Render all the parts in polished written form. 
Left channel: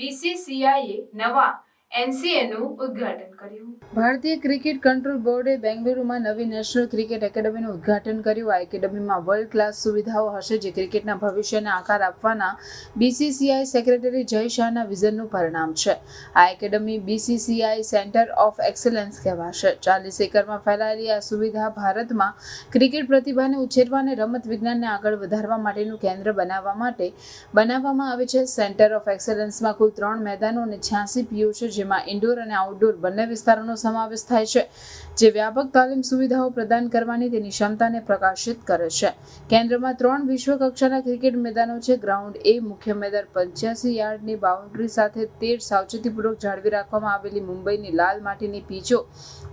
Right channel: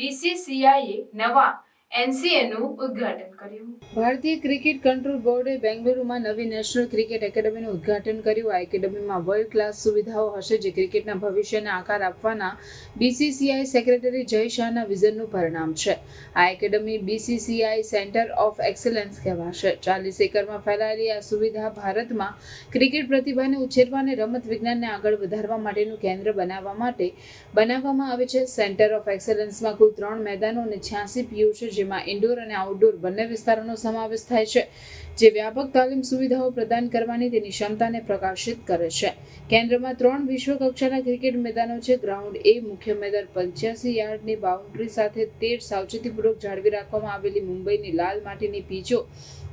બીસીસીઆઈએ નવા એનસીએનું ઉદ્ઘાટન કર્યું. ભારતીય ક્રિકેટ કંટ્રોલ બોર્ડે બેંગલુરુમાં નવી નેશનલ ક્રિકેટ એકેડમીનું ઉદ્ઘાટન કર્યું. આ એકેડમીમાં વર્લ્ડ ક્લાસ સુવિધાઓ હશે, જે ક્રિકેટના ભવિષ્યને આકાર આપવાના બીસીસીઆઈ સેક્રેટરી જય શાહના વિઝનનું પરિણામ છે. આ academy BCCI centre of excellence કહેવાશે. 40 એકરમાં ફેલાયેલી આ સુવિધા ભારતમાં ક્રિકેટ પ્રતિભાને ઉછેરવા અને રમત વિજ્ઞાનને આગળ વધારવા માટેનું કેન્દ્ર બનાવવા માટે બનાવવામાં આવે છે. સેન્ટર ઓફ એક્સેલન્સમાં કુલ 3 મેદાનો અને 86 પીઓ છે, જેમાં ઇન્ડોર અને આઉટડોર બંને વિસ્તારોનો સમાવેશ થાય છે, જે વ્યાપક તાલીમ સુવિધાઓ પ્રદાન કરવાની તેની ક્ષમતાને પ્રકાશિત કરે છે. કેન્દ્રમાં 3 વિશ્વ કક્ષાના ક્રિકેટ મેદાનો છે. ગ્રાઉન્ડ એ મુખ્ય મેદાન 85 યાર્ડની બાઉન્ડ્રી સાથે 13 સાવચેતીપૂર્વક જાળવી રાખવામાં આવેલી મુંબઈની લાલ માટીની પીચો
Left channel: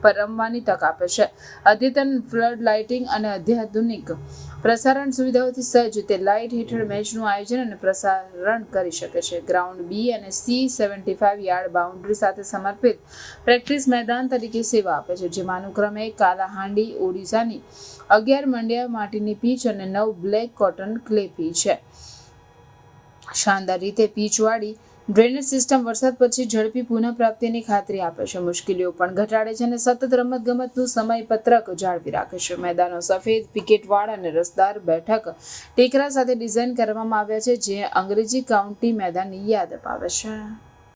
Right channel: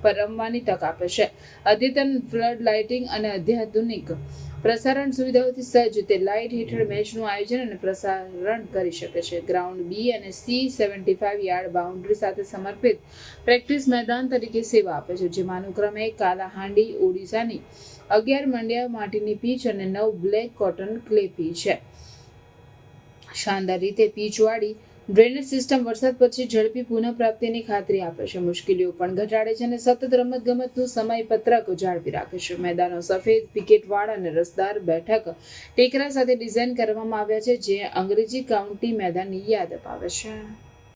પર રમવાની તક આપે છે. અદ્યતન ફ્લડ લાઇટિંગ અને અત્યાધુનિક પ્રસારણ સુવિધાઓથી સજ્જ, તે લાઇટ હેઠળ મેચનું આયોજન અને પ્રસારણ કરી શકે છે. ગ્રાઉન્ડ બી અને સી 75 યાર્ડ બાઉન્ડ્રી સાથે સમર્પિત પ્રેક્ટિસ મેદાન તરીકે સેવા આપે છે, જેમાં અનુક્રમે કાલાહાંડી ઓડિશાની 11 મંડ્યા માટીની પીચ અને 9 બ્લેક કોટન ક્લે પીચ છે. શાનદાર રીતે પીચવાળી ડ્રેનેજ સિસ્ટમ વરસાદ પછી ઝડપી પુનઃપ્રાપ્તિની ખાતરી આપે છે, મુશ્કેલીઓ પણ ઘટાડે છે અને સતત રમતગમતનું સમયપત્રક જાળવી રાખે છે. મેદાનો સફેદ પિકેટવાળા અને રસદાર બેઠક ટેકરા સાથે ડિઝાઇન કરવામાં આવ્યા છે, જે અંગ્રેજી કાઉન્ટી મેદાનની યાદ અપાવે છે.